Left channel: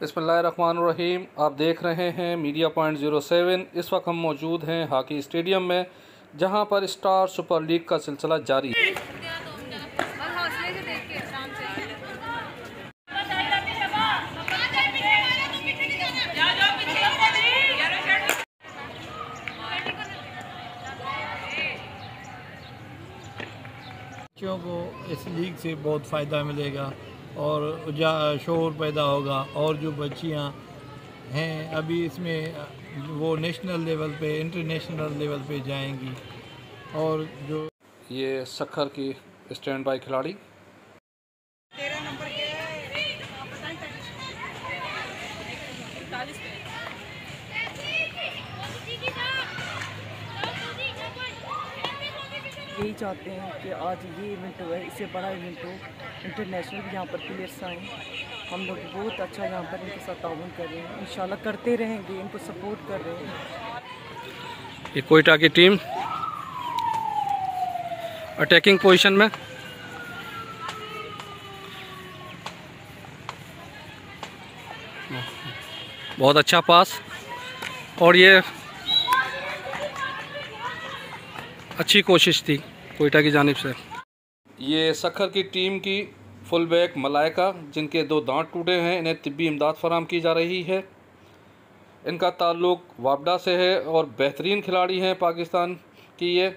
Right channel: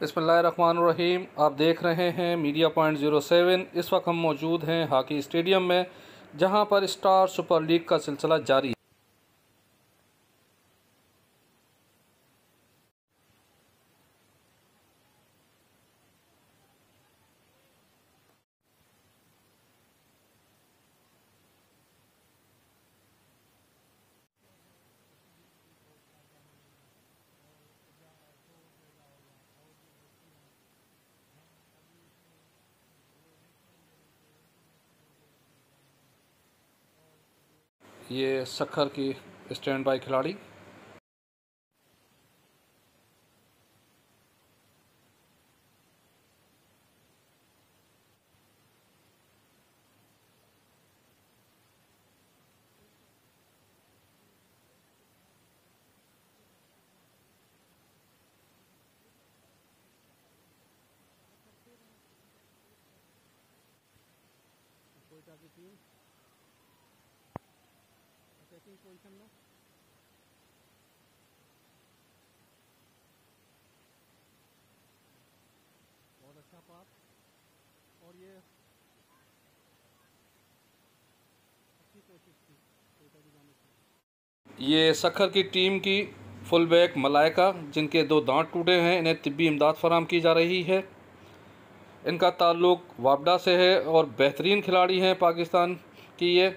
बिस्मिल्लाहिर्रहमानिर्रहीम। आप देख रहे हैं मीडिया पॉइंट 07। इस वक्त हम मौजूद हैं हॉकी स्टेडियम में, जहां पर स्टार सुपर लीग का सिलसिला जारी है। बच्चों को इस लीग से बहुत फ़ायदा मिलेगा और शोर पैदा होगा, और जो बच्चियां हैं अभी इसमें वो नेशनल लेवल पे, इंटरनेशनल लेवल पे जाएंगी। और जो ये सक्खर की स्टैंड बाई खिलाड़ी यही चाहते हैं कि आज ये इवेंट हुआ है, इससे बड़ा इवेंट हो, इंटरनेशनल भी यहाँ पर प्लेयर्स आएँ। हम लोग बहुत अच्छा यहाँ पर इनके साथ ताउन कर रहे हैं, इंशाल्लाह करते रहेंगे, इनको सपोर्ट कर रहे हैं। ये कोयटा की टीम अटैकिंग पोजीशन में, बहुत अच्छा पास, और ये अच्छी कोशिश थी कोयटा की जानिब से। ये सक्खर की टीम की फुल बैक मलाइका, जिनके 2 दांत टूटे हैं, इन्हें तिब्बी इमदाद फराहम की जा रही है। इनका ताल्लुक वापडा से है और बेहतरीन खिलाड़ी हैं पाकिस्तान की ये।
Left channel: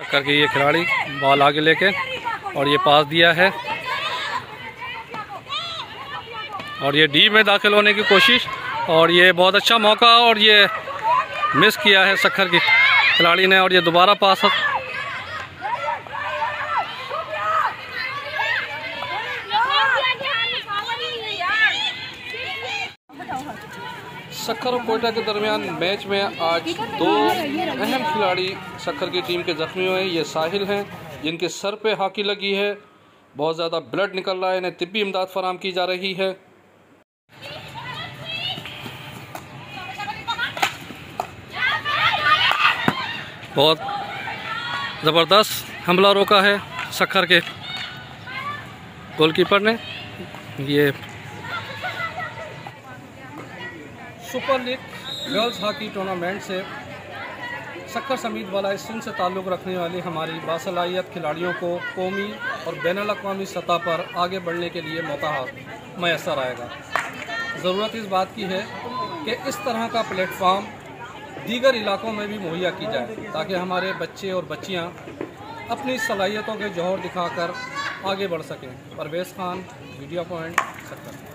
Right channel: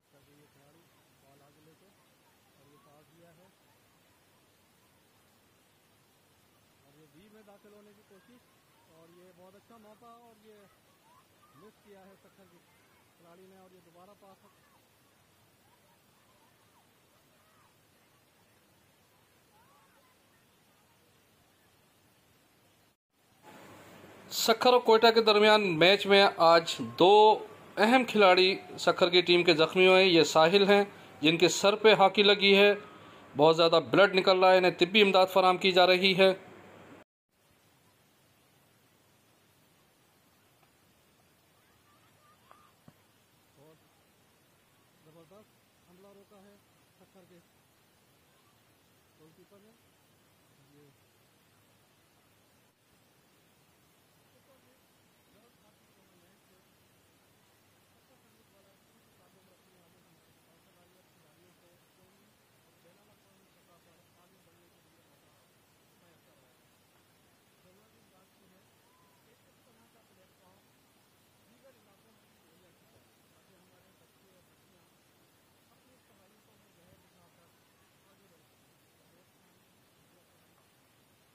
सक्खर की ये खिलाड़ी बॉल आगे लेके और ये पास दिया है, और ये डी में दाखिल होने की कोशिश, और ये बहुत अच्छा मौका, और ये मिस किया है सक्खर की खिलाड़ी ने, और ये दोबारा पास। सक्खर और कोयटा के दरमियान मैच में आज 2 अहम खिलाड़ी सक्खर की टीम के ज़ख्मी हुए हैं। ये साहिल हैं, जिनके सर पे हॉकी लगी है, बहुत ज़्यादा ब्लड निकल रहा है, इन्हें तिब्बी इमदाद फराहम की जा रही है। बहुत ज़बरदस्त हमला रोका है सक्खर के गोलकीपर ने। ये super league girls hockey tournament से सक्खर समेत बालाई सिंध से ताल्लुक़ रखने वाली हमारी बासलाहियत खिलाड़ियों को कौमी और बैनुल-अक़वामी सतह पर आगे बढ़ने के लिए मौका मैसर आएगा। ज़रूरत इस बात की है कि इस तरह का प्लेटफॉर्म दीगर इलाकों में भी मुहैया की जाए, ताकि हमारे बच्चे और बच्चियां अपनी सलाहियतों के जौहर दिखाकर आगे बढ़ सकें। Parvez Khan, media point, Sukkur.